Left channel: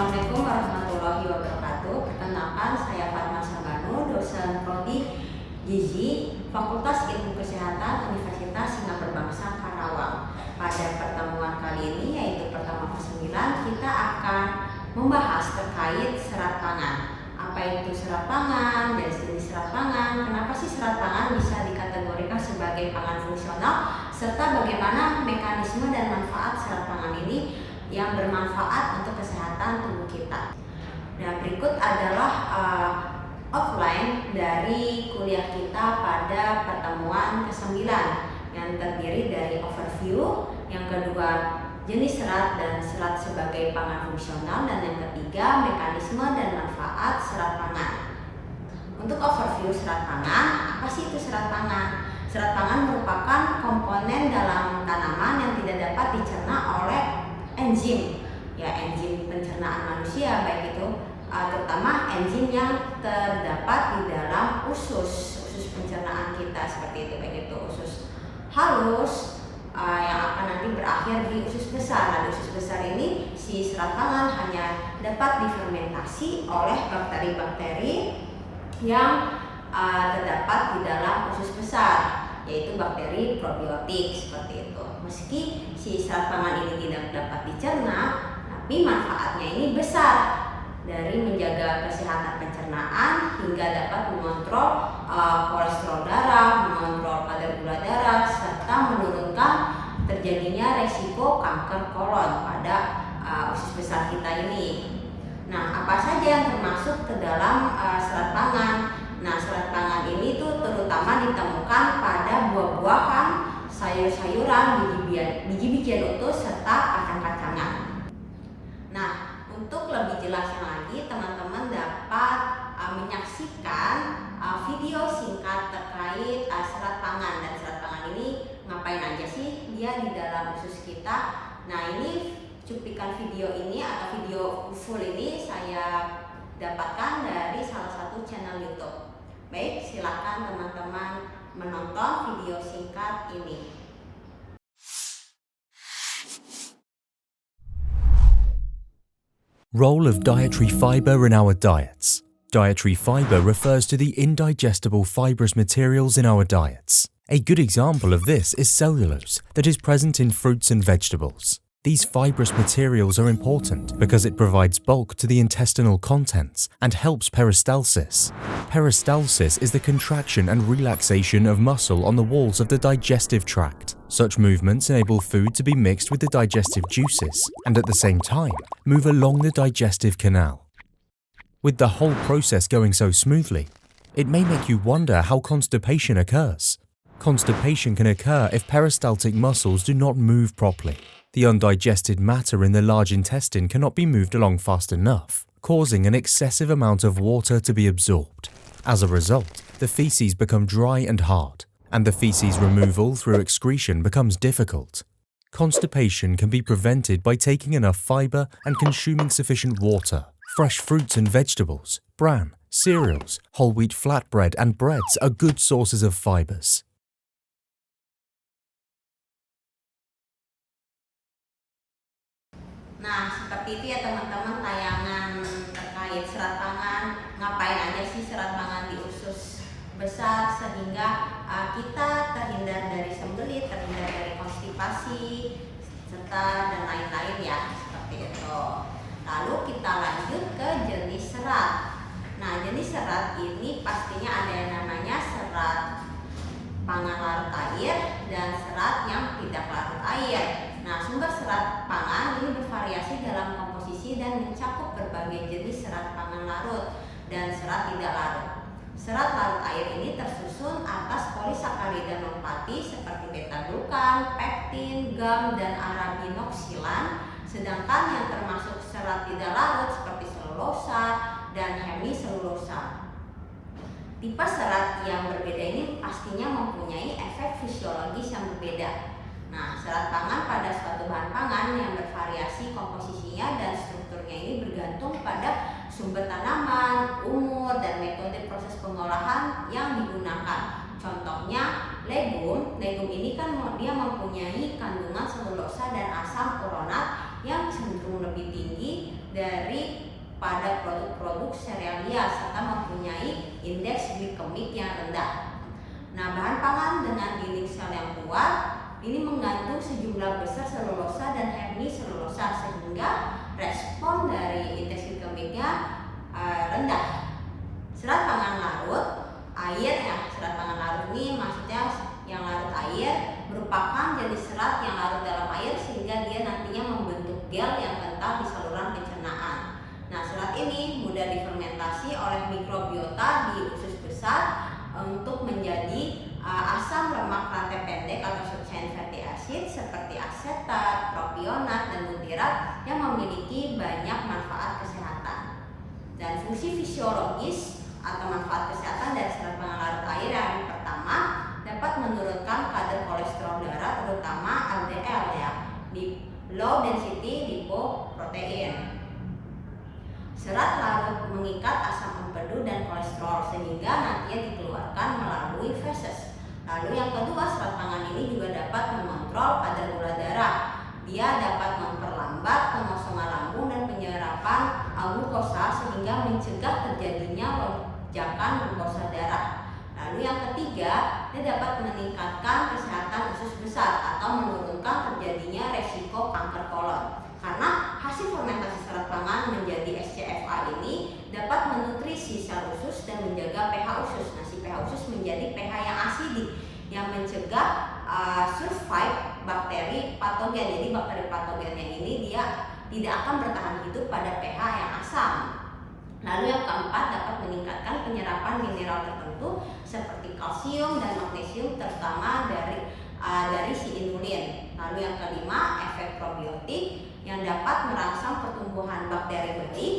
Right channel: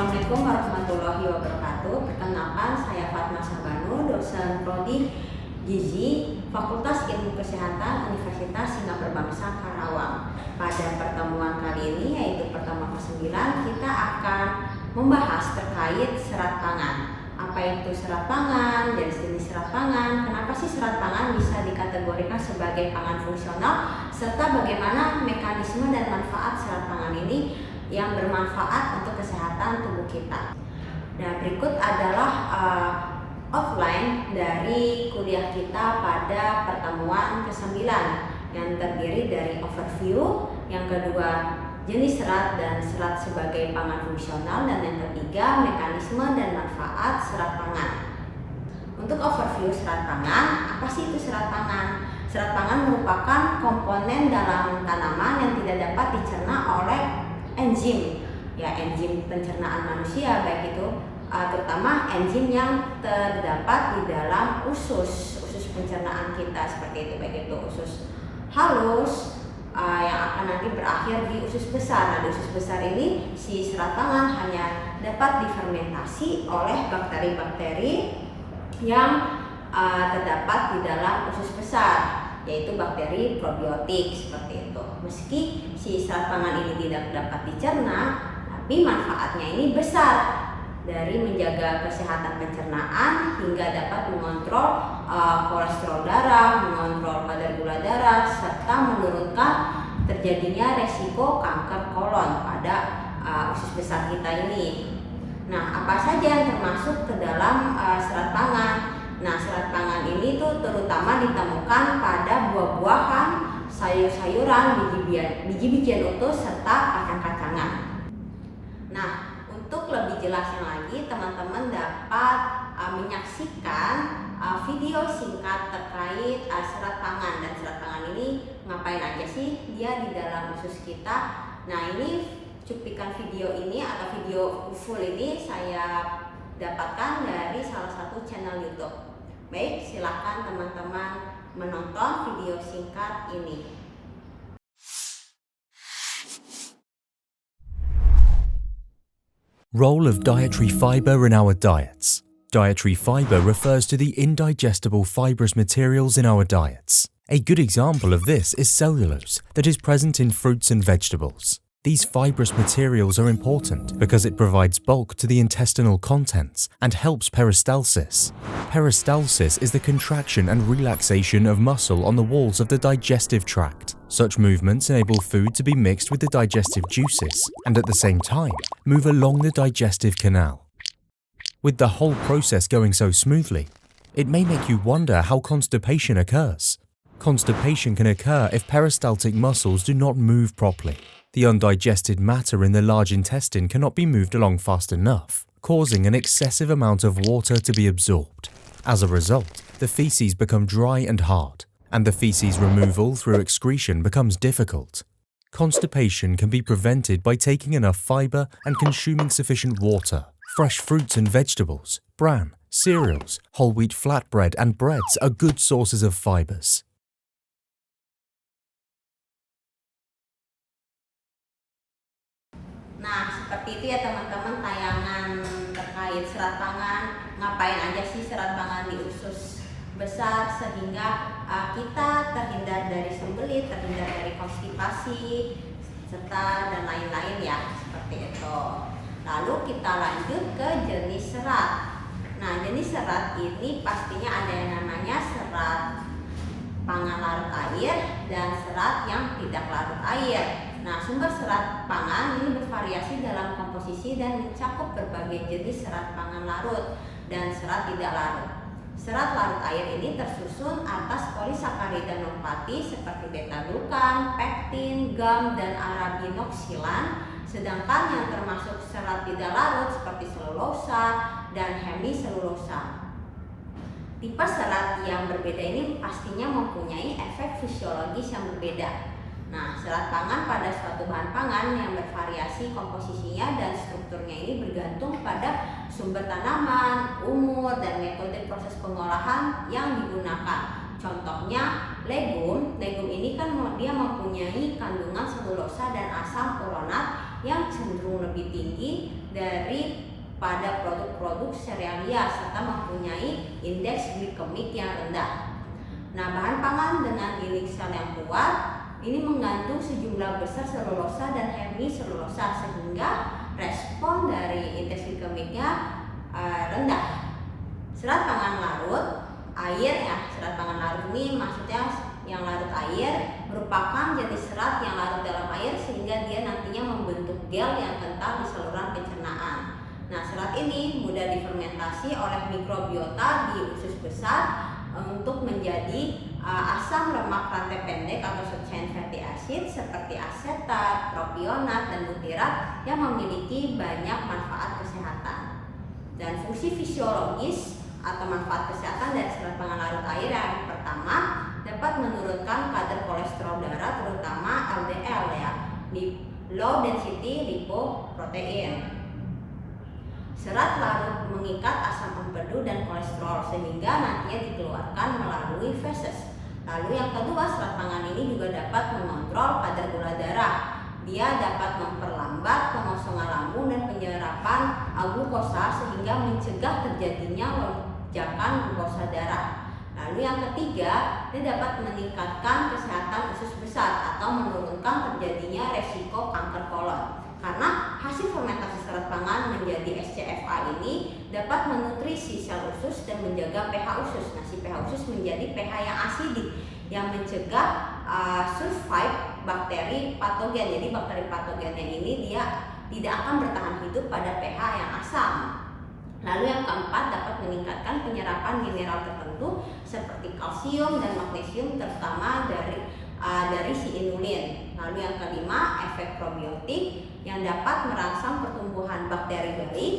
Assalamualaikum warahmatullahi wabarakatuh. Perkenalkan, saya Fatma Sabanu, dosen Prodi Gizi Fakultas Ilmu Kesehatan Universitas Singapura Bangsa Karawang. Pada pertemuan kali ini, yaitu pertemuan ke-9, kita akan membahas terkait serat pangan. Apa itu serat pangan, jenis-jenis serat pangan, kenapa sih serat pangan bisa dikategorikan sebagai pangan fungsional, serta bagaimana mekanisme dan manfaat serat pangan ini yang bermanfaat untuk kesehatan tubuh kita. Nah, berikut adalah outline dari kuliah kita pada pertemuan ke-9 yang terdiri dari overview, yang kedua jenis serat dan serat sebagai pangan fungsional, dan yang ketiga mekanisme dan manfaat serat pangan. Untuk overview serat pangan, apa sih itu serat pangan? Serat pangan merupakan komponen dalam tanaman yang tidak dapat dicerna oleh enzim, enzim pencernaan manusia, baik itu terutama enzim yang terdapat di dalam usus pencernaan kita, seperti itu, baik itu usus halus yang akan nanti berakhir di usus besar. Nah, di usus besar ini si serat pangan hanya dapat difermentasi oleh bakteri-bakteri yang terdapat di dalam usus besar, yaitu bakteri probiotik, seperti itu. Meski si serat pangan ini tidak dapat dicerna, tapi manfaatnya ini besar, dari menjaga kesehatan pencernaan hingga dapat mengontrol kolesterol darah, mengontrol kadar gula darah, serta menurunkan terjadinya resiko kanker kolon pada usus besar kita ini. Nah, apa saja yang termasuk ke dalam serat pangan? Nah, serat pangan ini tuh terutama ditemukan pada buah-buahan, sayur-sayuran, biji-bijian utuh, serta kacang-kacangan. Nah, untuk lebih jelasnya lagi, teman-teman dapat menyaksikan video singkat terkait serat pangan. Dan serat pangan ini ngapain aja sih dia di dalam usus kita? Nah, ini cuplikan video ini atau video full ini saya dapatkan dari salah satu channel YouTube. Baik, silakan teman-teman menonton video singkat ini. Role of dietary fiber in our diets. Dietary fiber refers to the indigestible fibrous materials in our diets. A good example of this is cellulose that is present in fruits and vegetables. These fibrous materials are important because it provides bulk to the intestinal contents and helps peristalsis. Peristalsis is the contraction and relaxation of muscle on the walls of the digestive tract. Such movements enable food to be mixed with the digestive juices and at the same time move along the digestive canal. With the whole process going so smoothly, it may make you wonder how constipation occurs. Constipation can occur if peristaltic muscles do not move properly. The undigested matter in the large intestine cannot be moved along fast enough, causing an excessive amount of water to be absorbed. As a result, the feces become dry and hard, and the feces removal through excretion becomes difficult. Constipation can be prevented by taking enough fiber and consuming sufficient water. Fresh fruits and vegetables, bran, cereals, whole wheat flatbread, and breads are good sources of fibers. Nah, seperti itu ya teman-teman, tayangan terkait serat pangan. Ngapain aja sih serat pangan di usus besar sehingga kita terhindar dari sembelit, terhindar dari konstipasi, serta dan lain-lain ya, seperti itu. Lalu kita lanjut ke jenis serat. Nah, jenis serat ini pastinya ada yang namanya serat pangan larut air dan serat yang tidak larut air. Nah, sumber serat pangan ini bervariasi dalam komposisi dan mencakup berbagai jenis serat pangan larut dan serat tidak larut. Serat larut air ini tersusun atas polisakarida nonpati seperti beta-glukan, pektin, gum, dan arabinoksilan. Sedangkan yang termasuk serat tidak larut seperti selulosa dan hemiselulosa. Tipe serat yang berbeda ini pastinya mempunyai efek fisiologis yang berbeda. Nah, serat pangan pada suatu bahan pangan yang bervariasi komposisinya dan strukturnya ini bergantung pada sumber tanaman, umur, dan metode proses pengolahan yang digunakan. Contohnya legum ini kan dia mempunyai kandungan selulosa dan asam uronat yang cenderung lebih tinggi daripada produk-produk serealia serta mempunyai indeks glikemik yang rendah. Nah, bahan pangan dengan dinding sel yang kuat ini mengandung sejumlah besar selulosa dan hemiselulosa sehingga respon dari indeks glikemiknya rendah. Serat pangan larut air ya, serat pangan larut ini maksudnya yang larut air merupakan jenis serat yang larut dalam air sehingga dia nantinya membentuk gel yang kental di saluran pencernaan. Nah, serat ini mudah difermentasi oleh mikrobiota di usus besar untuk menjadi asam lemak rantai pendek atau short chain fatty acid seperti asetat, propionat, dan butirat yang memiliki banyak manfaat kesehatan. Dan fungsi fisiologis atau manfaat kesehatan dari serat pangan larut air yang pertama dapat menurunkan kadar kolesterol darah terutama LDL ya, di low density lipoprotein. Serat larut mengikat asam empedu dan kolesterol sehingga nantinya dikeluarkan melalui feses. Lalu yang kedua, serat pangan ini juga dapat mengontrol kadar gula darah. Dia dapat memperlambat pengosongan lambung dan penyerapan glukosa sehingga mencegah terjadinya lonjakan glukosa darah. Lalu yang ketiga, dia dapat meningkatkan kesehatan usus besar atau menurunkan terjadinya resiko kanker kolon. Karena hasil fermentasi serat pangan menjadi SCFA ini dapat menutrisi sel usus dan menjaga pH usus. Nah, si pH usus menjadi pH yang asidik yang mencegah survive bakteri patogen. Jadi bakteri patogennya ini dia tidak akan bertahan hidup pada pH yang asam. Lalu yang keempat, dapat meningkatkan penyerapan mineral tertentu seperti kalsium dan magnesium terutama dari si inulin. Lalu yang kelima, efek probiotik yang dapat merangsang pertumbuhan bakteri baik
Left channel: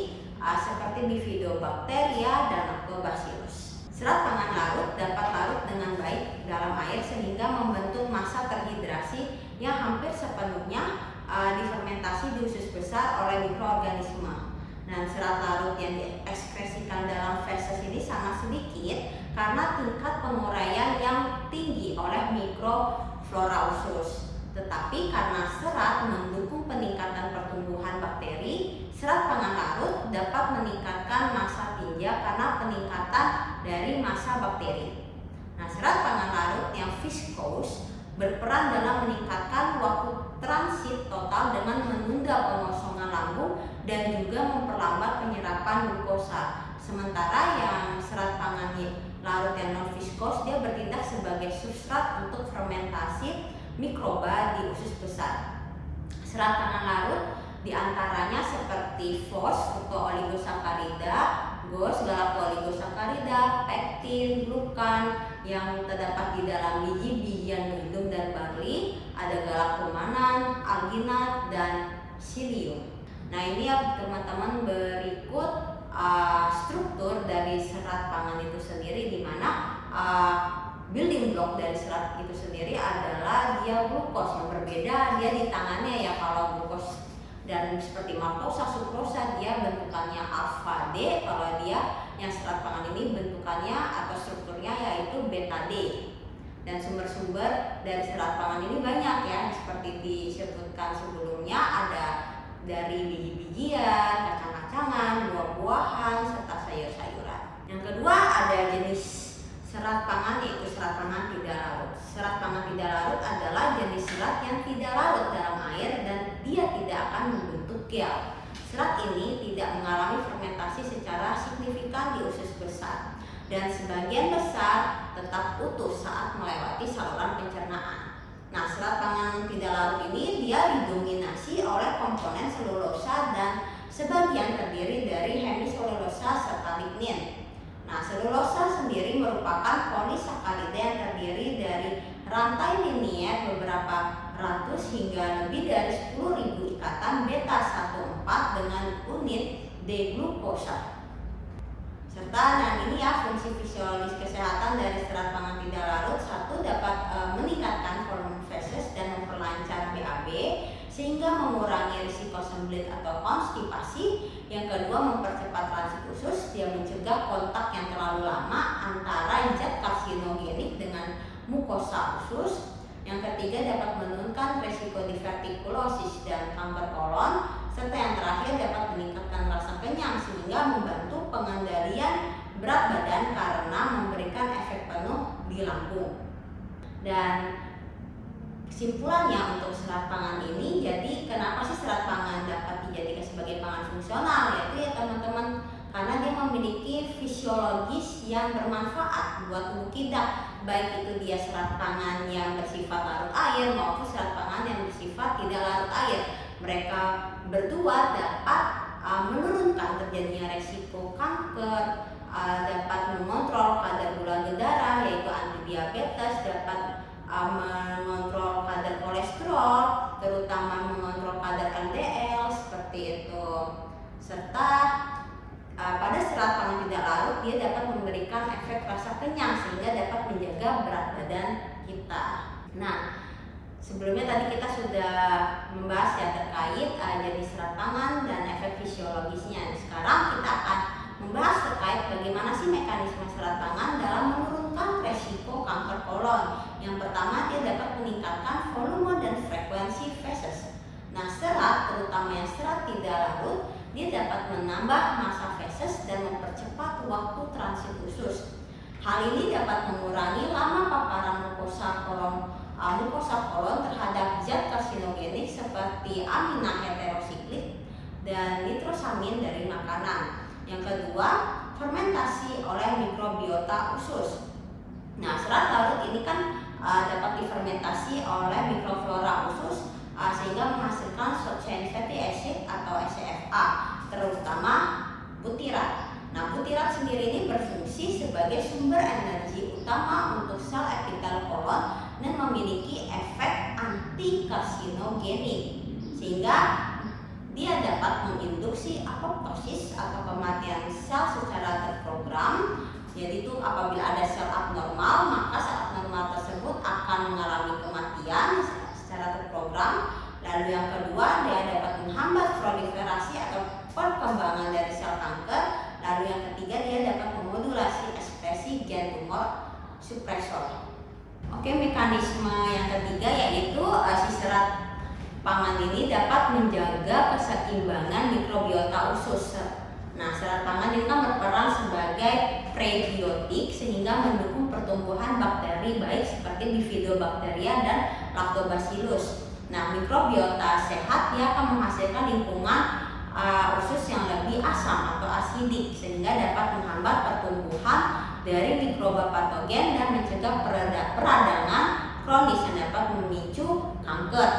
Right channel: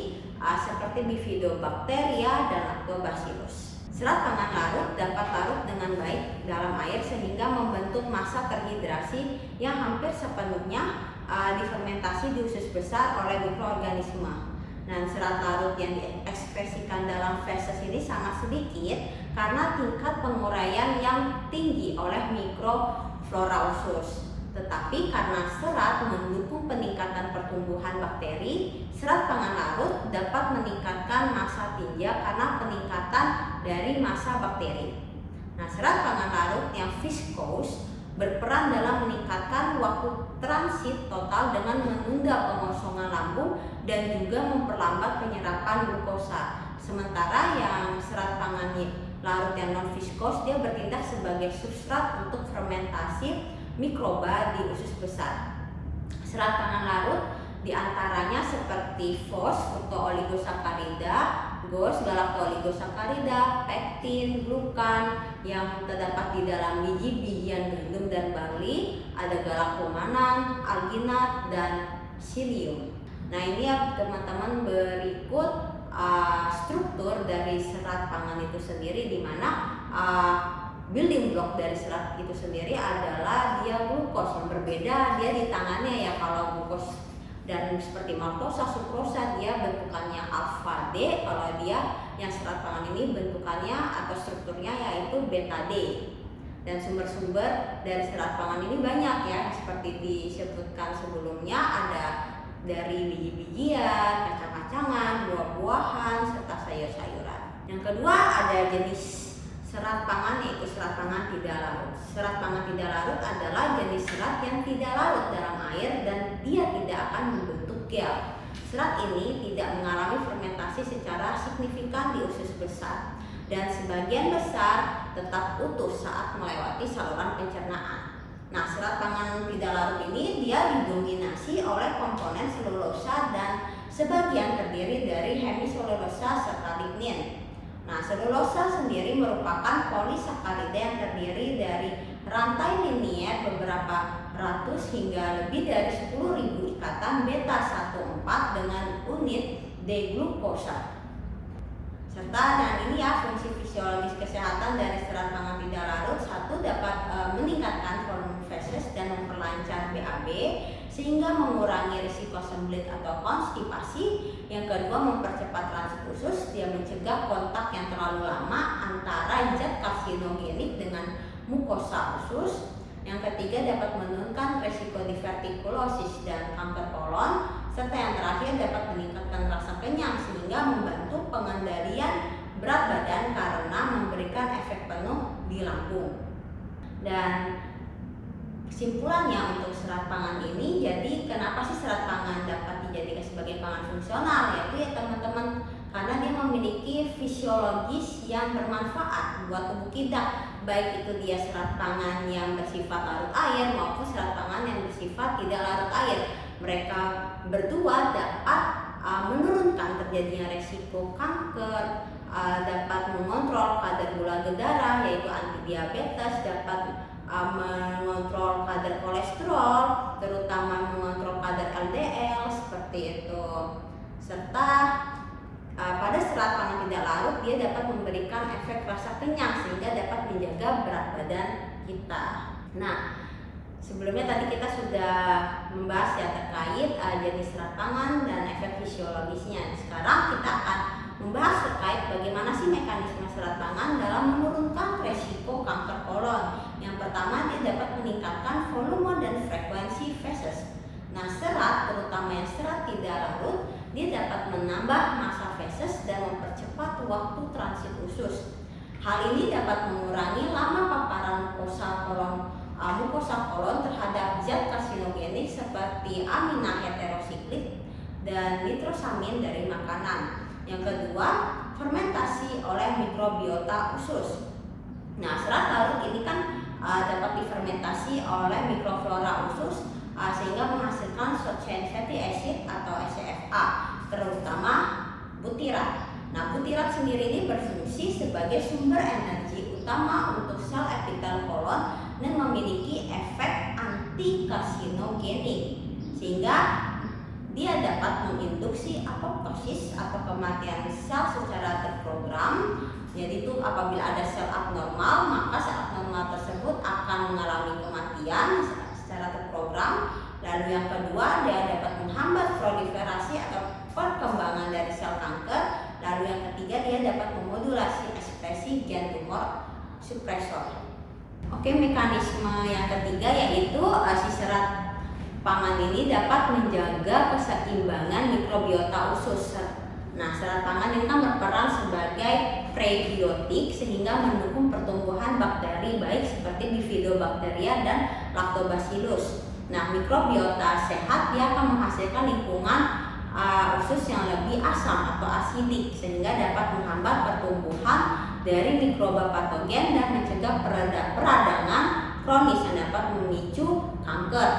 seperti Bifidobacteria dan Lactobacillus. Serat pangan larut dapat larut dengan baik dalam air sehingga membentuk massa terhidrasi yang hampir sepenuhnya difermentasi di usus besar oleh mikroorganisme. Dan serat larut yang diekskresikan dalam feses ini sangat sedikit karena tingkat penguraian yang tinggi oleh mikroflora usus. Tetapi karena serat mendukung peningkatan pertumbuhan bakteri, serat pangan larut dapat meningkatkan massa tinja karena peningkatan dari massa bakteri. Nah, serat pangan larut yang viskos berperan dalam meningkatkan waktu transit total dengan menunda pengosongan lambung dan juga memperlambat penyerapan glukosa. Sementara yang serat pangan larut yang non viskos dia bertindak sebagai substrat untuk fermentasi mikroba di usus besar. Serat pangan larut diantaranya seperti fos, fructooligosaccharides, GOS, galactooligosaccharides, pektin, glukan yang terdapat di dalam biji-bijian gandum dan barley, ada galaktomanan, alginat, dan psyllium. Nah, ini ya teman-teman berikut struktur dari serat pangan itu sendiri, di mana building block dari serat itu sendiri adalah dia glukos. Yang berbeda dia di tangannya ya, kalau glukos dan seperti maltosa, sukrosa dia bentukannya alfa D, kalau dia yang serat pangan ini bentukannya atau strukturnya yaitu beta D. Dan sumber-sumber dari serat pangan ini banyak ya, seperti disebutkan sebelumnya, ada dari biji-bijian, kacang-kacangan, buah-buahan, serta sayur-sayuran. Yang kedua ada jenis serat pangan yaitu serat pangan tidak larut. Serat pangan tidak larut adalah jenis serat yang tidak larut dalam air dan dia tidak akan membentuk gel. Serat ini tidak mengalami fermentasi secara signifikan di usus besar dan sebagian besar tetap utuh saat melewati saluran pencernaan. Nah, serat pangan tidak larut ini dia didominasi oleh komponen selulosa dan sebagian terdiri dari hemiselulosa serta lignin. Nah, selulosa sendiri merupakan polisakarida yang terdiri dari rantai linier beberapa ratus hingga lebih dari 10.000 ikatan beta 1,4 dengan unit D-glukosa. Serta dan ini ya fungsi fisiologis kesehatan dari serat pangan tidak larut. Satu, dapat meningkatkan volume feses dan memperlancar BAB sehingga mengurangi risiko sembelit atau konstipasi. Yang kedua, mempercepat transit usus. Dia mencegah kontak yang terlalu lama antara zat karsinogenik dengan mukosa usus. Yang ketiga dapat menurunkan resiko divertikulosis dan kanker kolon, serta yang terakhir dapat meningkatkan rasa kenyang sehingga membantu pengendalian berat badan karena memberikan efek penuh di lambung. Dan kesimpulannya untuk serat pangan ini, jadi kenapa sih serat pangan dapat dijadikan sebagai pangan fungsional? Yaitu ya teman-teman, karena dia memiliki fisiologis yang bermanfaat buat tubuh kita, baik itu dia serat pangan yang bersifat larut air maupun serat pangan yang bersifat tidak larut air. Mereka berdua dapat menurunkan terjadinya resiko kanker, dapat mengontrol kadar gula darah yaitu antidiabetes, dapat mengontrol kadar kolesterol, terutama mengontrol kadar LDL seperti itu. Serta pada serat pangan tidak larut dia dapat memberikan efek rasa kenyang sehingga dapat menjaga berat badan kita. Nah, sebelumnya tadi kita sudah membahas ya terkait jenis serat pangan dan efek fisiologisnya. Sekarang kita akan membahas terkait bagaimana sih mekanisme serat pangan dalam menurunkan resiko kanker kolon. Yang pertama, dia dapat meningkatkan volume dan frekuensi feses. Nah, serat, terutama yang serat tidak larut, dia dapat menambah massa feses dan mempercepat waktu transit usus. Hal ini dapat mengurangi lama paparan mukosa kolon terhadap zat karsinogenik seperti amina heterosiklik dan nitrosamin dari makanan. Yang kedua, fermentasi oleh mikrobiota usus. Nah, serat larut ini kan dapat difermentasi oleh mikroflora usus sehingga menghasilkan short chain fatty acid atau SCFA, terutama butirat. Nah, butirat sendiri ini berfungsi sebagai sumber energi utama untuk sel epitel kolon dan memiliki efek anti karsinogenik sehingga dia dapat menginduksi apoptosis atau kematian sel secara terprogram. Jadi itu apabila ada sel abnormal, maka sel abnormal tersebut akan mengalami kematian secara terprogram. Lalu yang kedua, dia dapat menghambat proliferasi atau perkembangan dari sel kanker. Lalu yang ketiga, dia dapat memodulasi ekspresi gen tumor supresor. Oke, mekanisme yang ketiga yaitu si serat pangan ini dapat menjaga keseimbangan mikrobiota usus. Nah, serat pangan ini kan berperan sebagai prebiotik sehingga mendukung pertumbuhan bakteri baik seperti Bifidobacteria dan Lactobacillus. Nah, mikrobiota sehat dia akan menghasilkan lingkungan usus yang lebih asam atau asidik sehingga dapat menghambat pertumbuhan dari mikroba patogen dan mencegah peradangan kronis yang dapat memicu kanker.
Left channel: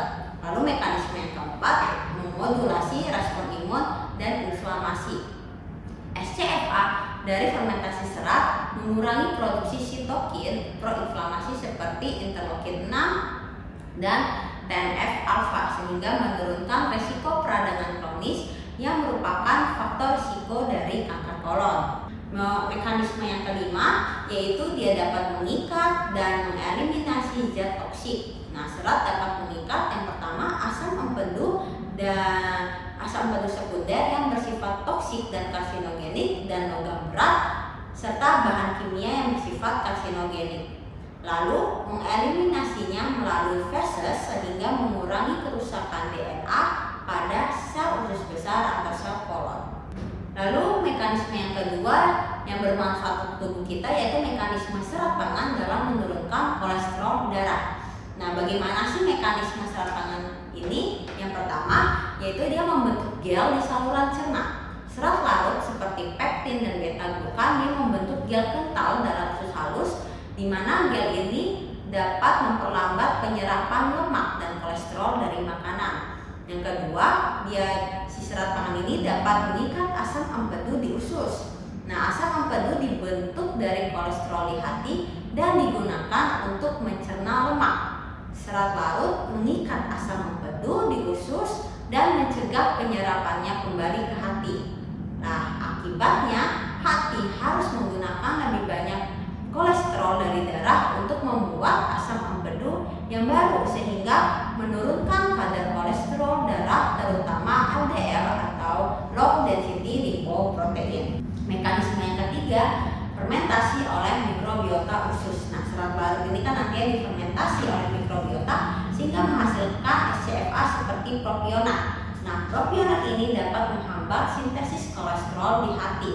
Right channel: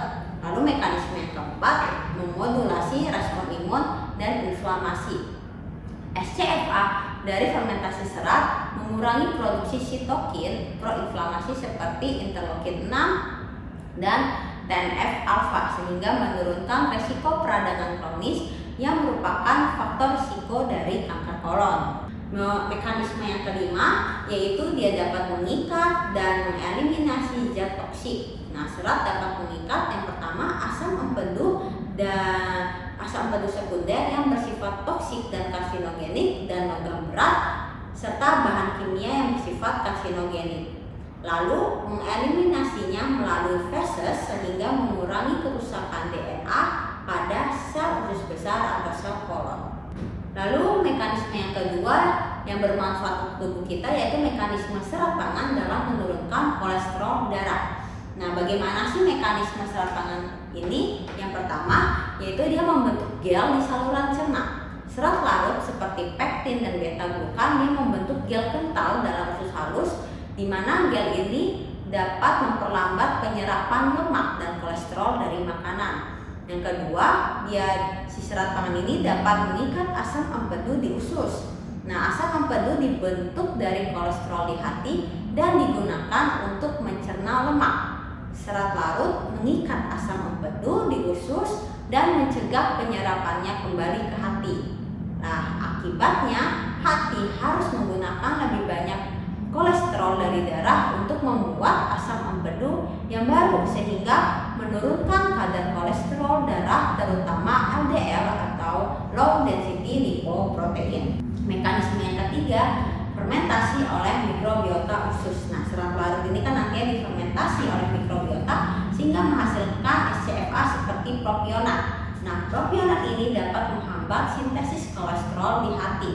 Lalu mekanisme yang keempat, memodulasi respon imun dan inflamasi. SCFA dari fermentasi serat mengurangi produksi sitokin proinflamasi seperti interleukin 6 dan TNF alfa sehingga menurunkan resiko peradangan kronis yang merupakan faktor risiko dari kanker kolon. Mekanisme yang kelima yaitu dia dapat mengikat dan mengeliminasi zat toksik. Nah, serat dapat mengikat yang pertama asam empedu dan asam empedu sekunder yang bersifat toksik dan karsinogenik dan logam berat serta bahan kimia yang bersifat karsinogenik. Lalu mengeliminasinya melalui feses sehingga mengurangi kerusakan DNA pada sel usus besar atau sel kolon. Lalu mekanisme yang kedua yang bermanfaat untuk tubuh kita yaitu mekanisme serat pangan dalam menurunkan kolesterol darah. Nah, bagaimana sih mekanisme serat pangan ini? Yang pertama yaitu dia membentuk gel di saluran cerna. Serat larut seperti pektin dan beta-glukan dia membentuk gel kental dalam usus halus di mana gel ini dapat memperlambat penyerapan lemak dan kolesterol dari makanan. Yang kedua, si serat pangan ini dapat mengikat asam empedu di usus. Nah, asam empedu dibentuk dari kolesterol di hati dan digunakan untuk mencerna lemak. Serat larut mengikat asam empedu di usus dan mencegah penyerapannya kembali ke hati. Nah, akibatnya hati harus menggunakan lebih banyak kolesterol dari darah untuk membuat asam empedu yang baru sehingga menurunkan kadar kolesterol darah terutama LDL atau low density lipoprotein. Mekanisme yang ketiga, fermentasi oleh mikrobiota usus. Nah, serat larut ini kan nantinya difermentasi oleh mikrobiota seperti propionat. Nah, propionat ini dapat menghambat sintesis kolesterol di hati.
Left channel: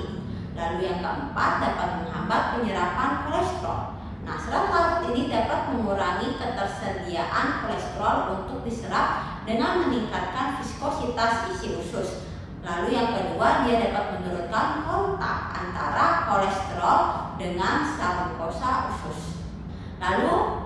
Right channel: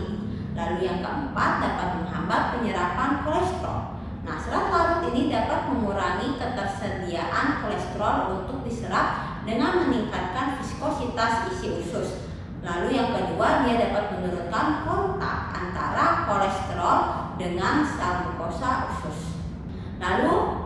Lalu yang keempat, dapat menghambat penyerapan kolesterol. Nah, serat larut ini dapat mengurangi ketersediaan kolesterol untuk diserap dengan meningkatkan viskositas isi usus. Lalu yang kedua, dia dapat menurunkan kontak antara kolesterol dengan sel glukosa usus. Lalu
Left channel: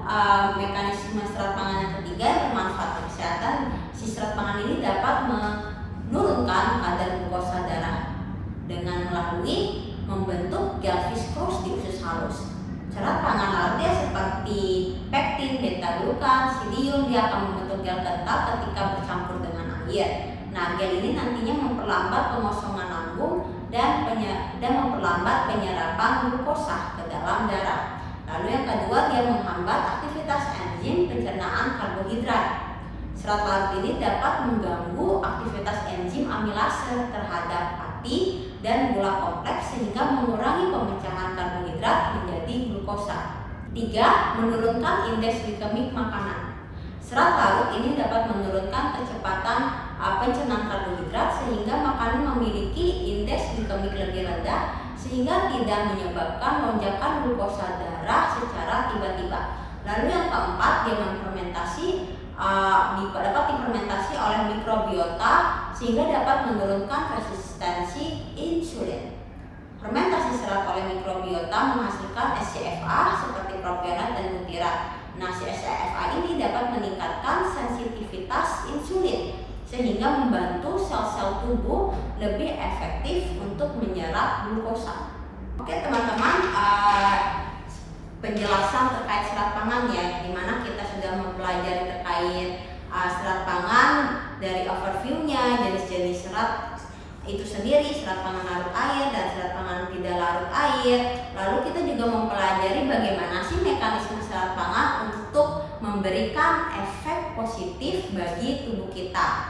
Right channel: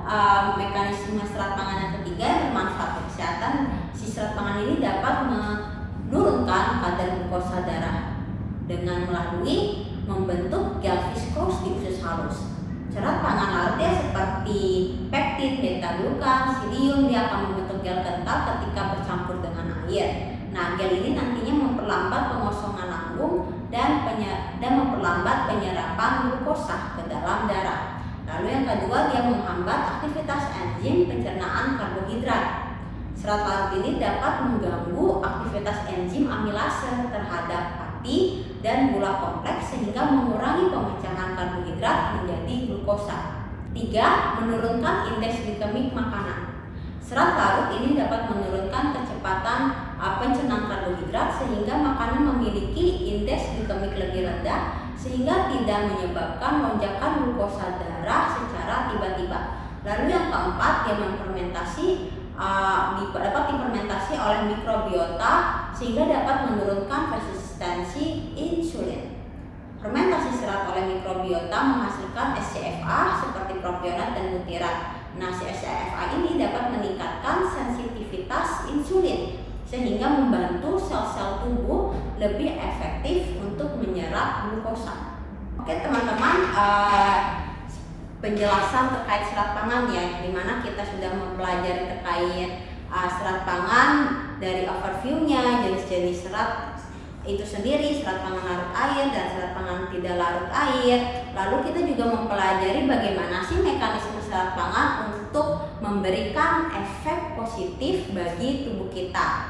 mekanisme serat pangan yang ketiga yang bermanfaat untuk kesehatan, si serat pangan ini dapat menurunkan kadar glukosa darah dengan melalui membentuk gel viskos di usus halus. Serat pangan larut ya seperti pektin, beta-glukan, silium, dia akan membentuk gel kental ketika bercampur dengan air. Nah, gel ini nantinya memperlambat pengosongan lambung dan memperlambat penyerapan glukosa ke dalam darah. Lalu yang kedua, dia menghambat aktivitas enzim pencernaan karbohidrat. Serat larut ini dapat mengganggu aktivitas enzim amilase terhadap hati dan gula kompleks sehingga mengurangi pemecahan karbohidrat menjadi glukosa. 3. Menurunkan indeks glikemik makanan. Serat larut ini dapat menurunkan kecepatan pencernaan karbohidrat sehingga makanan memiliki indeks glikemik lebih rendah sehingga tidak menyebabkan lonjakan glukosa darah secara tiba-tiba. Lalu yang keempat, dia dapat difermentasi oleh mikrobiota sehingga dapat menurunkan resistensi insulin. Fermentasi serat oleh mikrobiota menghasilkan SCFA seperti propionat dan butirat. Nah, si SCFA ini dapat meningkatkan sensitivitas insulin sehingga membantu sel-sel tubuh lebih efektif untuk menyerap glukosa. Oke teman-teman, penjelasan terkait serat pangan ya, dimana kita sudah mempelajari terkait serat pangan dari overview-nya, jenis-jenis serat itu sendiri, serat pangan larut air dan serat pangan tidak larut air. Lalu kita juga mempelajari bagaimana sih mekanisme serat pangan untuk memberikan efek positif bagi tubuh kita.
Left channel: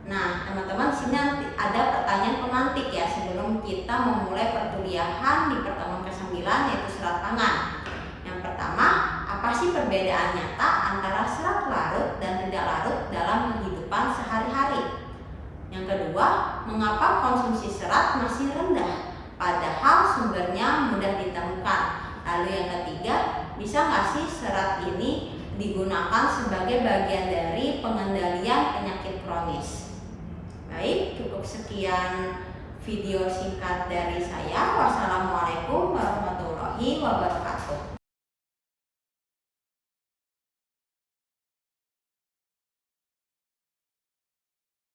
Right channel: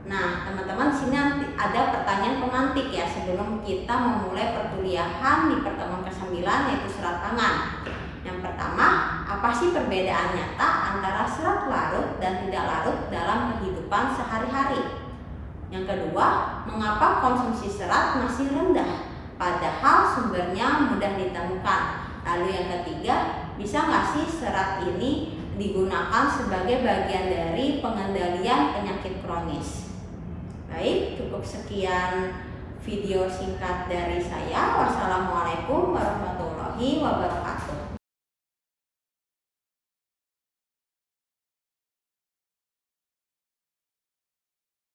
Nah, teman-teman, sini nanti ada pertanyaan pemantik ya sebelum kita memulai perkuliahan di pertemuan ke-9 yaitu serat pangan. Yang pertama, apa sih perbedaan nyata antara serat larut dan tidak larut dalam kehidupan sehari-hari? Yang kedua, mengapa konsumsi serat masih rendah padahal sumbernya mudah ditemukan? Lalu yang ketiga, bisa nggak sih serat ini digunakan sebagai bagian dari pengendalian penyakit kronis? Baik, cukup sekian video singkat dari saya. Wassalamualaikum warahmatullahi wabarakatuh.